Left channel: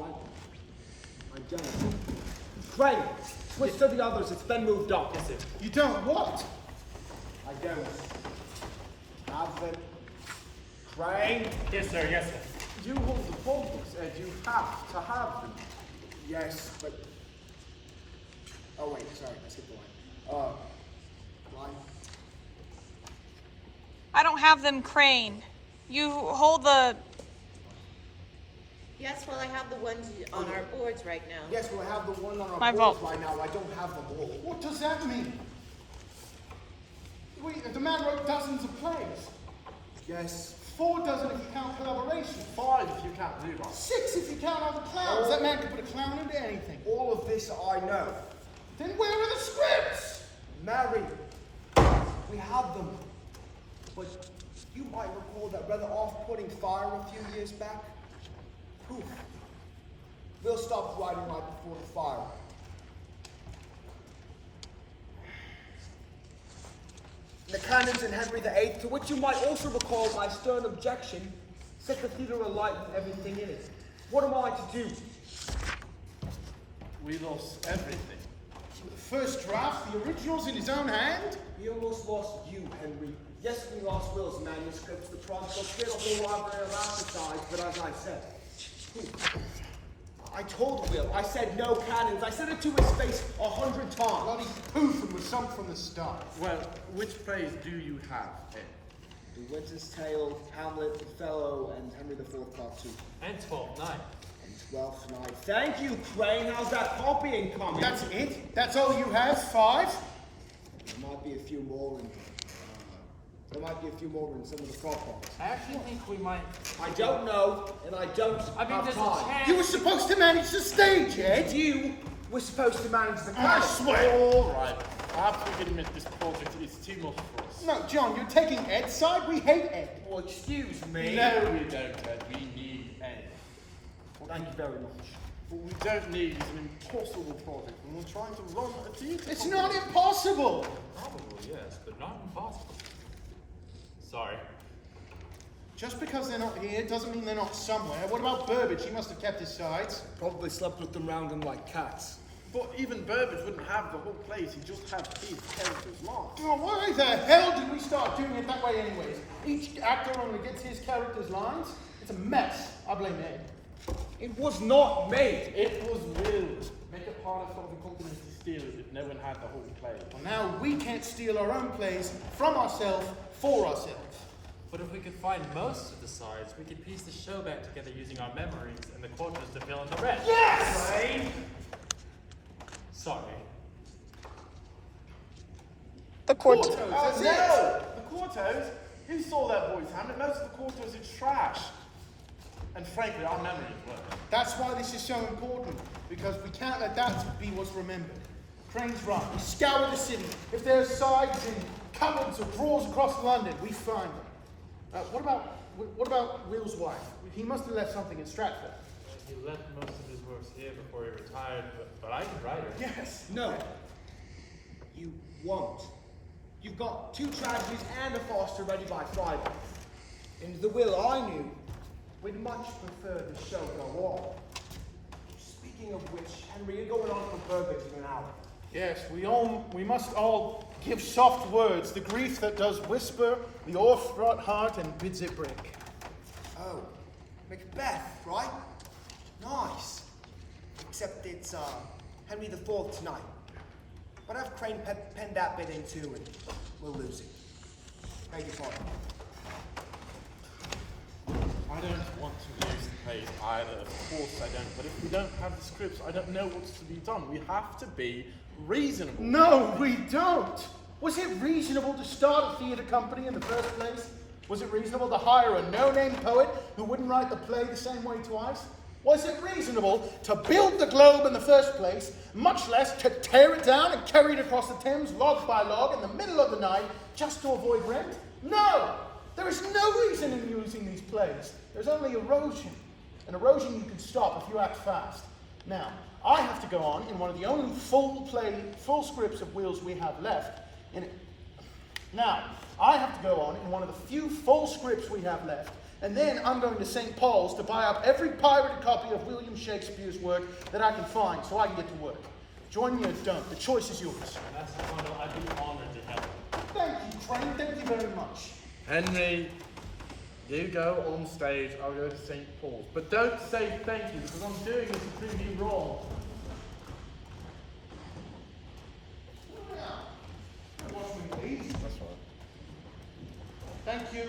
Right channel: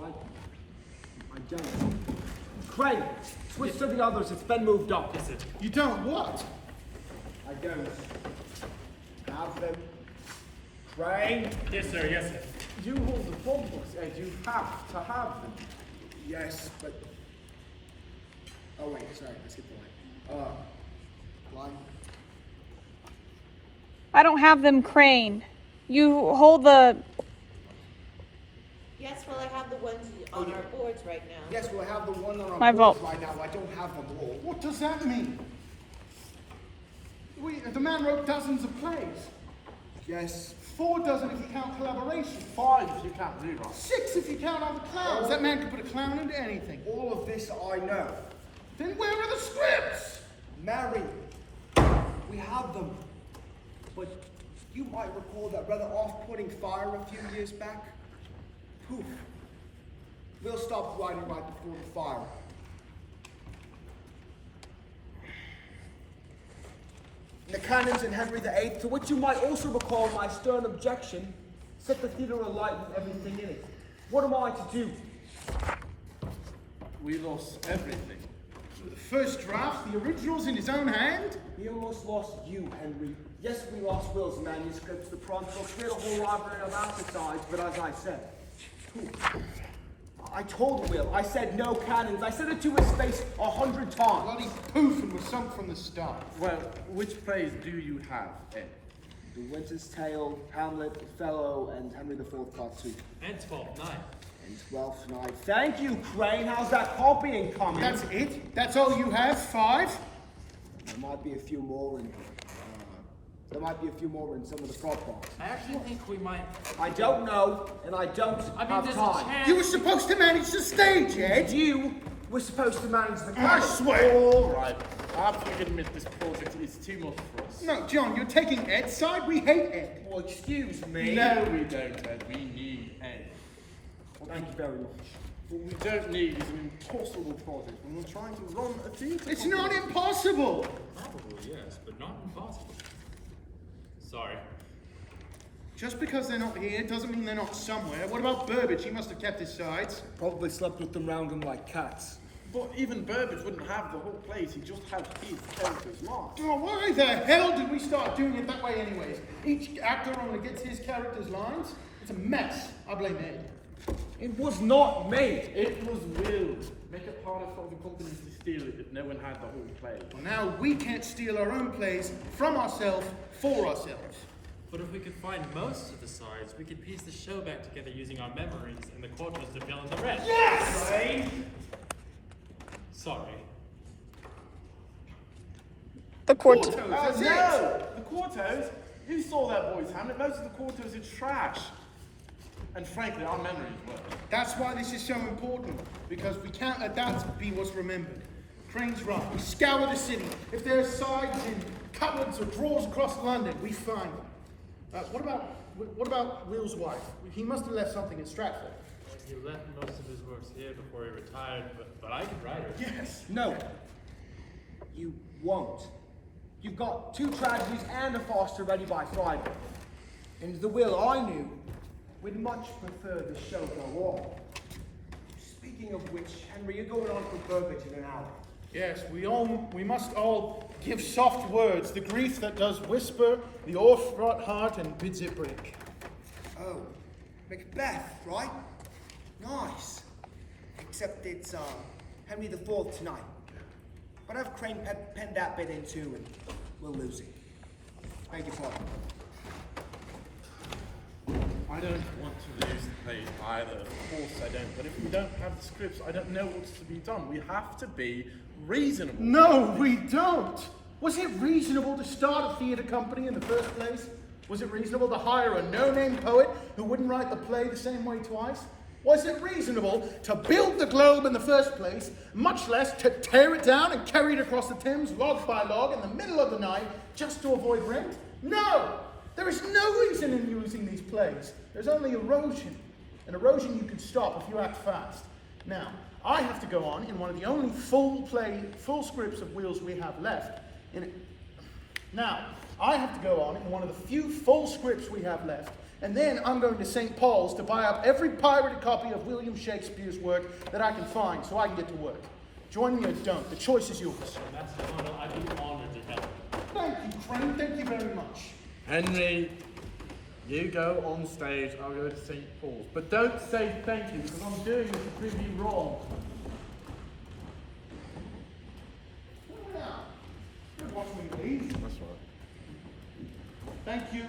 right? I don't. Crane, switch to the others. It's been moved up. You don't what? I don't. Have them. Crane. Yes, sir. Yes, sir. You hold the phone books, Ed. You have to have them. Yes, but... Oh wait, sorry, I skipped the line. Line? I don't have them, Crane. You hold the... Yes, well, I have the ones on our boards right now. Yes, we'll have the one on My our boards vote. right now. I don't have them all. What does that mean? The man wrote dozens of plays. Yes. 4 dozen if you count collaboration. 5 if you count rewrite. 6 if you count all the clowns. That man could put a clown into anything. All of this I know. Then where are the scripts? Mary, we have them. But you might recall that rather off-putting fire a few years back. Poof. We'll stop writing right before the fire. The canons in Henry VIII, to which you might also recall my stern objection, set the theatre alight and everything in it. What am I to do? We lost everything. The first draft, the originals in his own hand. We almost lost you, Henry. Yes, we lost Will's manuscripts, the prompt books, we had a whole library of aftersides, but as I said, I told Will, I said no cannons. I said it to his face 100 times. Bloody poof and was sunk from the start. Well, which plays do you have, Ed? The Winter's Tale, Hamlet, Othello, and Henry IV Part 2. And 12th Night. And 12th Night. Thank you, Crane. How's that copying coming? That's it? That's all you have? 5? There might be a few more in some of the prop books. I actually think we might. I don't know, and I don't have there's a time. chance. You were supposed to manage the stage, Ed. You were supposed to manage the I cast. swear. All right. I have to admit this project is too much for us. No, John, you're taking Ed's side. We hate Ed. Well, excuse me. No, we don't, Ed. We need Ed. Thank you very much. What we don't need is an impossible project when we're trying to run a theatre. It's not impossible. Probably, yes, but not impossible. Sorry. Just because they're not here doesn't mean they're not somewhere. What about Burbage? He must have kept his sides. Probably slept with them round him like cats. But even Burbage wouldn't have the whole place. He just had his character's lines. Oh, why the hell did we start doing it that way anyways? Each actor only gets his character's lines. It's a mess. I blame Ed. It was not me. It was Will. Make it harder for other companies to steal it if no one had the whole play. Well, now we can't steal our own plays from ourselves for ourselves. But if we could find most of the sides, we could piece the show back together using our memories and the quotas to fill in the rest. Yes! Sorry. The court. Quartos, That's no! The Quartos? You saw that voice, Hamlet. Most of the Quartos are trash. And frankly, our memory is worse. That's why this is so important, because we can't let that be what's remembered. Crane's right. We scour the city. If there are sides in cupboards or drawers across London, we find them. What about Will's wife? He must have left something in Stratford. He left most of his works here before he retired, but I could write it. Yes. No. You won't. You've got 2 tragedies and a Foster ready by Friday. In the will I knew, we'd much prefer the show go on. Speaking of which, Henry, you're going on for Burbage in an hour. Yes, we must all give soft words, the grief that does whisper, the o'erfraught heart and bids it break. Oh, Macbeth, right? Nice. Except it's Henry IV tonight. But have Crane pen that bit in too, and we'll lose it. Beg your pardon. I don't want to lose the play either. Of course I don't. But if we don't have the scripts, I don't know what's to be done. We have to be reasonable. No, we don't. Was it reasonable to start a theatre company in the first place? Was it reasonable to hire a no-name poet who wouldn't write the play the same way twice? Was it reasonable to build the Globe in the first place, much less to tear it down and carry it across the Thames log by log in the middle of the night just to avoid rent? No! There is no reason in using these plays. There's only erosion. And erosion you can stop if you act fast. Now, I have to go on in one of the only full scripts of Will's we have left. I have to go on in one of the few full scripts we have left And then I'm going to St. Paul's to buy up every pirated copy of William Shakespeare's work that I can find so I can get to work. Join me or don't. The choice is yours. That's an honor I'd be honored to have. Thank you, Crane. Thank you very much. Henry, you go on stage, I'll go to St. Paul's. But don't say thank you, because I'm doing this to prove you wrong. Watch me, please. That's right. Thank you.